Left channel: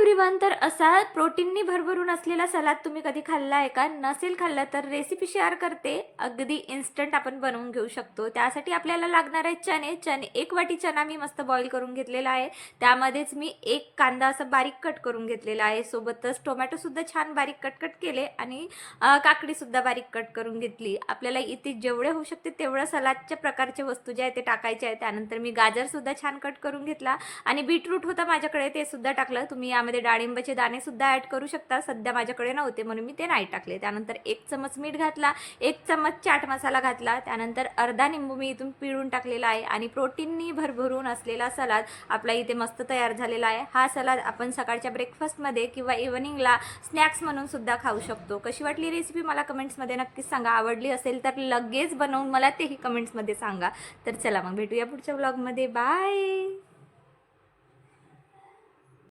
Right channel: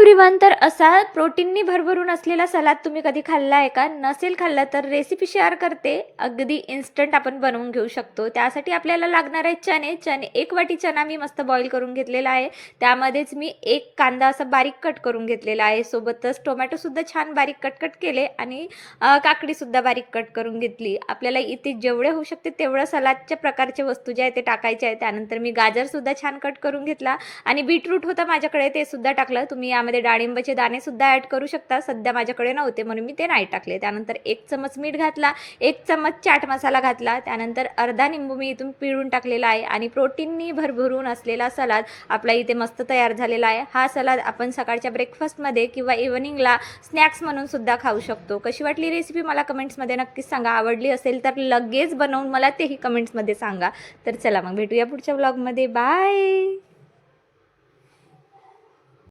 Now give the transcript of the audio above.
Everyone, तर असा प्रोटीननी भरभरून असलेला सलाद तुम्ही कधी खाल्ला आहे का? नसेल खाल्ला तर रेसिपी शेअर करते. अगदी इन्स्टंट आपण बनवून घेऊ शकतो. त्यासाठी आपल्याला लागणार आहे चणे. 1 वाटी चणा मी मस्त बॉईल करून घेतलेला आहे. त्यामध्येच मी 1 कांदा असा बारीक कट करून घेतलेला आहे. सोबतच टोमॅटोसुद्धा छान बारीक कट केले आणि काकडीसुद्धा बारीक कट करून घेतली. आपल्याला इथे जेवढे होऊ शकते तेवढं सलादच्या प्रकारचे वस्तू जे आहे ते टाकायचे आहे. त्यानंतर मी गाजरसुद्धा छान कट करून घेतला आणि बीटरूट होतं माझ्याकडे, ते सुद्धा टाकलं. तुम्ही यामध्ये डाळिंबाचे दाणे सुद्धा ॲड करू शकता. सध्या माझ्याकडे नव्हते म्हणून मी ते नाही टाकले. त्यानंतर 1 चमच मीठ घातला, 1 चमच चाट मसाला घातला. त्यानंतर अर्धा निंबू मी इथून पिळून टाकलेला आहे आणि प्रोटीननी भरभरून असलेला सलाद आपला इथे मस्त तयार झालेला आहे. हा सलाद आपण सकाळच्या ब्रेकफास्टमध्ये किंवा इव्हनिंगला स्नॅक्स म्हणून सुद्धा खाऊ शकतो. कशी वाटली रेसिपी मला कमेंट्समध्ये नक्कीच सांगा. आवडली असेल तर लगेच बनवून मला तेही कमेंट्समध्ये सांगा. तर चला मग भेटूया पुढच्या व्लॉगमध्ये. बाय.